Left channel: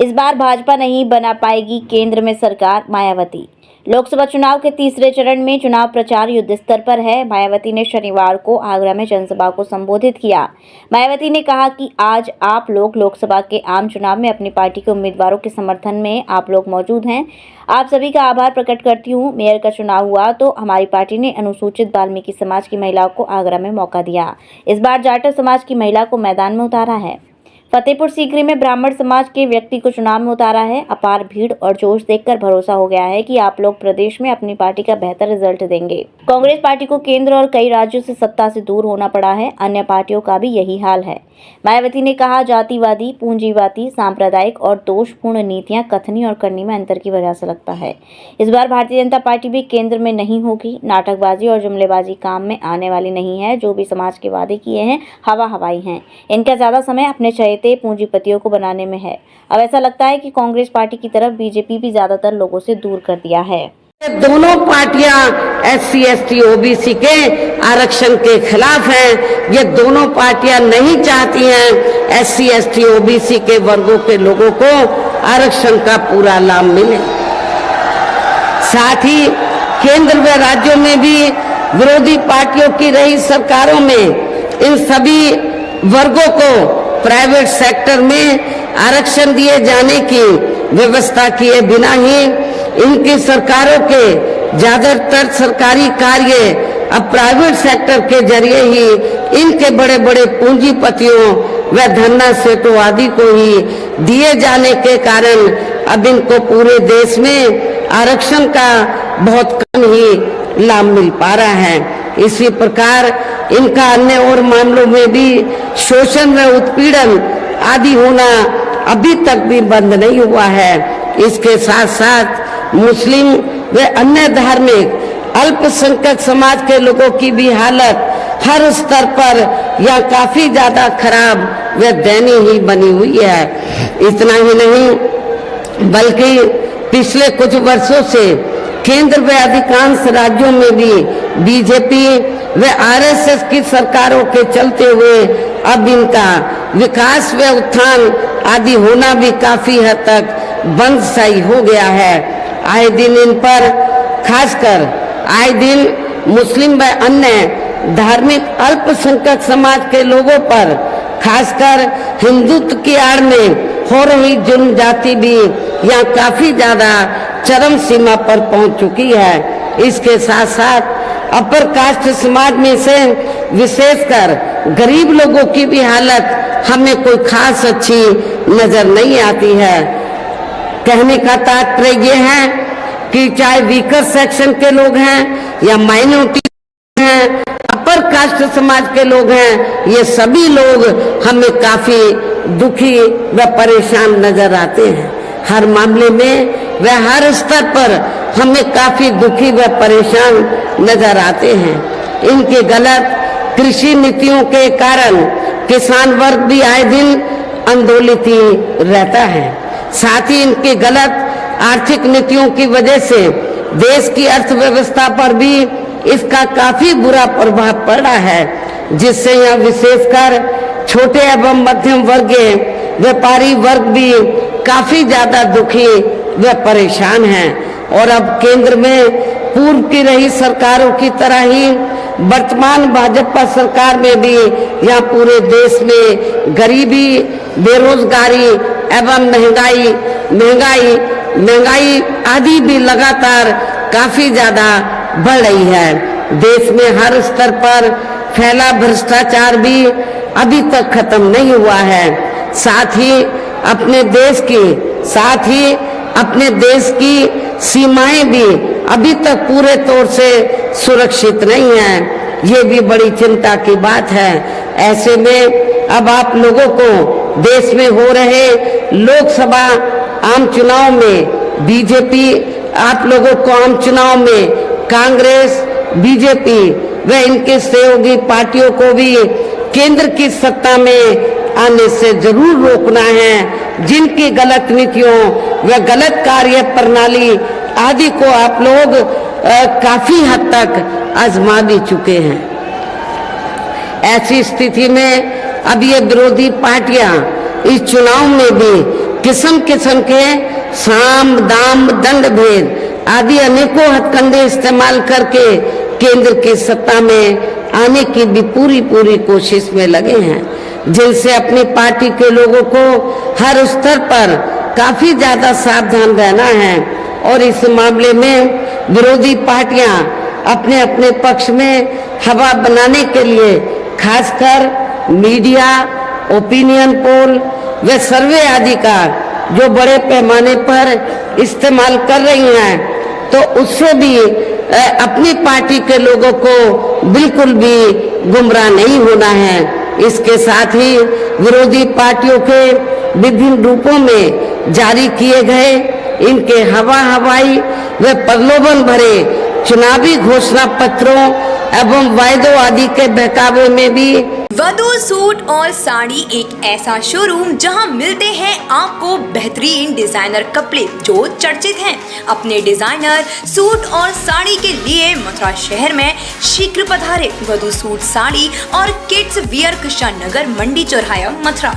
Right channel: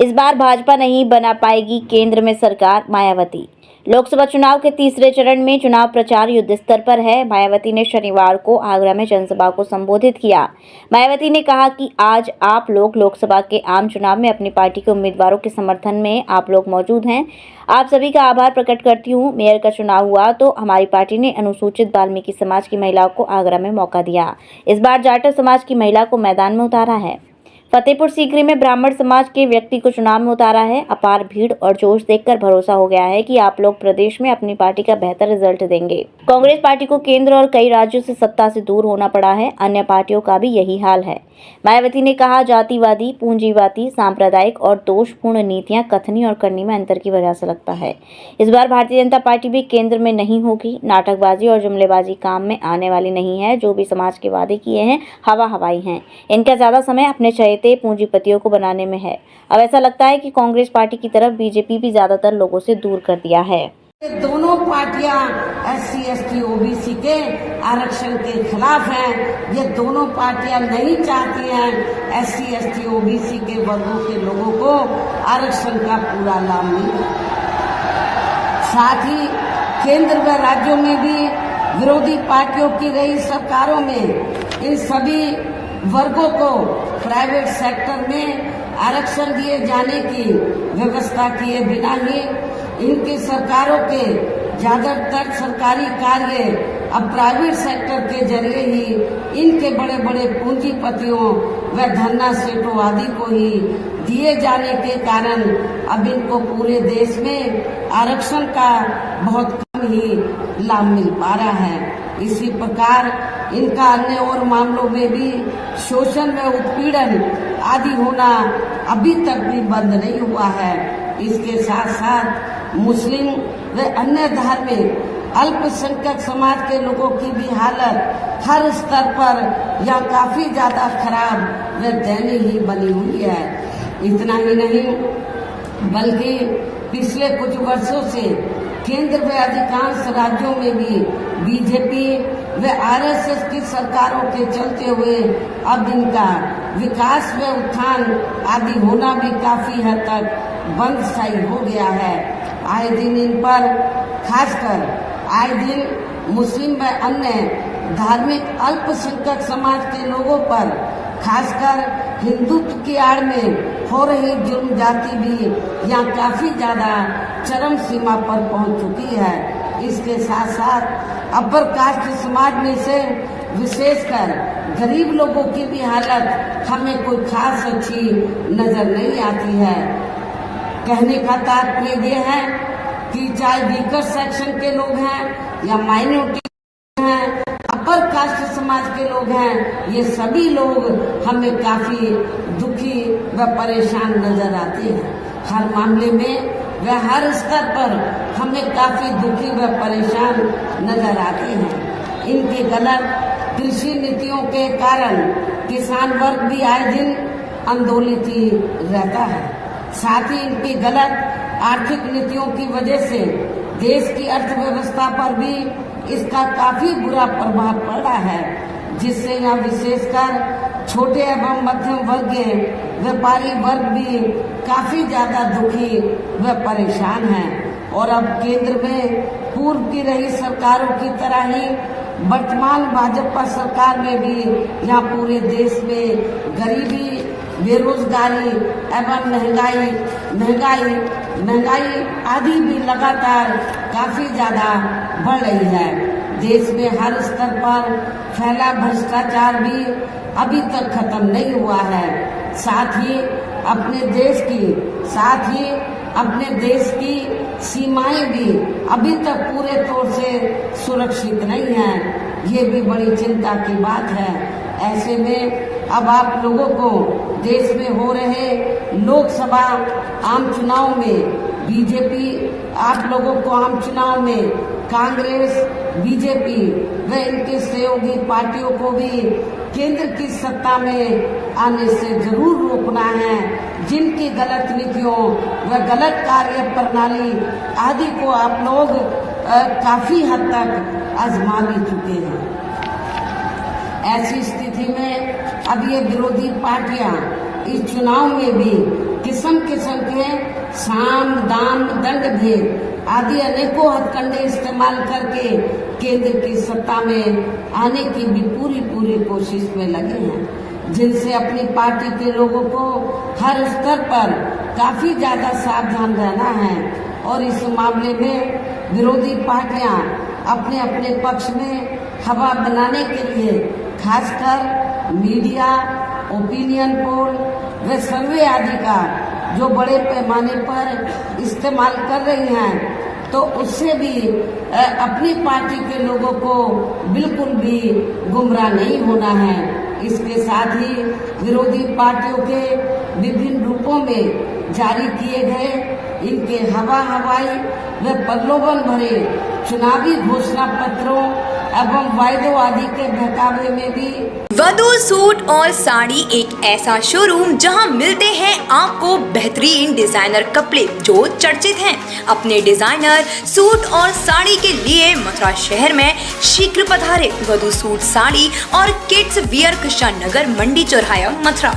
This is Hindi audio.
इस बार भाजपा नहीं बना पाएगी केंद्र में सरकार, मायावती। लोकसभा चुनाव के तीसरे चरण में चुनाव प्रचार युद्ध स्तर पर है। मायावती ने शनिवार को आगरा में जनसभा को संबोधित किया। मायावती ने कहा कि आज आप लोग लोकसभा के आम चुनाव में अपनी पार्टी के उम्मीदवारों के समर्थन में आप लोग मौजूद हैं। आप सभी का आभार प्रकट करती हूँ। मेयर का चुनाव हुआ तो हमारी पार्टी ने अनुसूचित वाल्मीकि समाज की महिलाओं को आगरा में मौका दिया। इस बार जाटव समाज की महिला को मैदान में उतारा है। फतेहपुर सीकरी में ब्राह्मण समाज के व्यक्ति को चुनाव में उतारा है। अपार भीड़ और जोश देखकर भरोसा हो गया है कि आप लोग प्रदेश में अपनी पार्टी का बेहतर रिजल्ट देंगे। कांग्रेस पार्टी को केंद्र और कई राज्यों से सत्ता से दूर होना पड़ा है। अन्य पार्टियों का भी यही हाल है। मायावती ने कहा, जातिवादी, पूंजीवादी, सांप्रदायिक और दोषपूर्ण नीतियां कथनी और करनी में अंतर की वजह से लगता है। इस बार भारतीय जनता पार्टी भी केंद्र में नहीं होगी। नाटकबाजी और जुमलेबाजी काम में आने वाली नहीं है। जो भी समाज के वादे किए हैं हवा हवाई हैं। इनका ज्यादा समय अपने चहेते पूंजीपतियों को बनाने में है। अब ऐसा लगता है कि कांग्रेस पार्टी की तरफ बीजेपी भी ज्यादातर लोगों से दूर कर दिया है। दोनों पार्टियां SC, ST, OBC के आरक्षण के खिलाफ हैं। ये दोनों पार्टियां नहीं चाहती हैं SC, ST, OBC के वर्गों के लोगों को आरक्षण का पूरा लाभ मिले। साथ ही केंद्र व राज्यों में भी विरोधी पार्टियों की रही सरकारों में इन सभी वर्गों को प्राइवेट सेक्टर में आरक्षण दिए जाने की व्यवस्था किए बिना ही इनकी सरकारों के ज्यादातर सरकारी कार्य अब प्राइवेट सेक्टर के जरिए ही इनके बड़े बड़े पूंजीपतियों व धन्ना सेठों आदि को ही दिए जाने के कारण अब इनको पूरे देश में आरक्षण का बहुत कम ही लाभ मिल पा रहा है। इसी प्रकार इनका अन्य और मामलों में भी शोषण व उत्पीड़न आदि होना अभी तक भी बंद नहीं हुआ है। इसके साथ साथ मुस्लिम व अन्य धार्मिक अल्पसंख्यक समाज के लोगों की भी हालत हर स्तर पर या काफी ज्यादा खराब व दयनीय ही बनी हुई है। इतना ही नहीं बल्कि पिछले कुछ वर्षों से केंद्र व अधिकांश राज्यों में भी बीजेपी व RSS की सरकारों के चलते हुए अब इनका विकास व उत्थान आदि होना भी काफी हद तक बंद सा हो गया है। आए दिन इन पर खासकर आए दिन मुस्लिम व अन्य धार्मिक अल्पसंख्यक समाज के लोगों पर खासकर हिंदुत्व की आड़ में हो रही जुर्म जाति भी यहाँ काफी ज्यादा चरम सीमा पर पहुंच चुकी है। इसके साथ साथ अपर कास्ट समाज में से विशेषकर गरीब लोगों की भी हालत हमें कोई खास अच्छी नजर नहीं आती है। कहने का तात्पर्य ये है कि चाहे वीकर सेक्शन के लोग हैं या माइनॉरिटी हैं, अपर कास्ट समाज के लोग हैं, ये सभी लोग हमें काफी दुखी व परेशान नजर आते हैं। हर मामले में व हर स्तर पर हमें काफी दुखी व परेशान नजर आते हैं। इनके गलत कृषि नीतियों के कारण किसान वर्ग भी आए दिन आंदोलित ही रहता है। साथ ही इनके गलत आर्थिक नीतियों की वजह से देश की अर्थव्यवस्था पर भी इसका काफी बुरा प्रभाव पड़ा है, जिससे यहाँ विशेषकर छोटे एवं मध्यम वर्गीय व्यापारी वर्ग भी काफी ज्यादा दुखी व परेशान हैं। और अब केंद्र में पूर्व की रही सरकारों की तरह ही वर्तमान भाजपा सरकार में भी यहाँ पूरे देश में गरीबी, बेरोजगारी एवं महंगाई आदि भी लगातार काफी ज्यादा बढ़ रही है। देश में हर स्तर पर फैला भ्रष्टाचार भी अभी तक खत्म नहीं हुआ है। साथ ही अपने देश की सीमाएं भी अभी तक पूरे तौर से सुरक्षित नहीं है। ये भी बड़ी चिंता की बात है। ऐसे में अब आप लोगों को देश में हो रहे लोकसभा आम चुनाव में बीजेपी, आप लोगों को आम चुनाव में कांग्रेस, बीजेपी व इनके सहयोगी पार्टियों को भी केंद्र की सत्ता में आने से जरूर रोकना है। जिनकी गलत नीतियों व गलत कार्य प्रणाली आदि को आप लोग काफी हद तक आजमा भी चुके हैं। ऐसी स्थिति में अब ये विरोधी पार्टियां इस चुनाव में भी किस्म किस्म के साम दाम दंड भेद आदि अनेकों हथकंडे इस्तेमाल करके केंद्र की सत्ता में आने की भी पूरी कोशिश में लगे हैं, जिनसे अपनी पार्टी के लोगों को हर स्तर पर काफी ज्यादा सावधान रहना है। और इस मामले में विरोधी पार्टियां अपने अपने पक्ष में हवा बनाने के लिए खासकर मीडिया, ओपिनियन पोल व सर्वे आदि का जो बड़े पैमाने पर इस्तेमाल कर रही हैं, तो उससे भी अपनी पार्टी के लोगों को बिल्कुल भी गुमराह नहीं होना है। इसके साथ ही विरोधी पार्टियों के विभिन्न रूपों में जारी किए गए इनके हवाई व प्रलोभन भरे चुनावी घोषणा पत्रों एवं वायदों आदि के बहकावे में भी वधू सूट और साड़ी एक ऐसा शोरूम जहां मिलते हैं आपको बेहतरीन डिजाइनर कपड़े जो चर्चित हैं। अपने डिजाइनर सूट और साड़ी के लिए मथुरा शहर में शीघ्र पधारे। वधू सूट साड़ी और किड्स वियर कृष्णा नगर मंडी चौराहा मथुरा।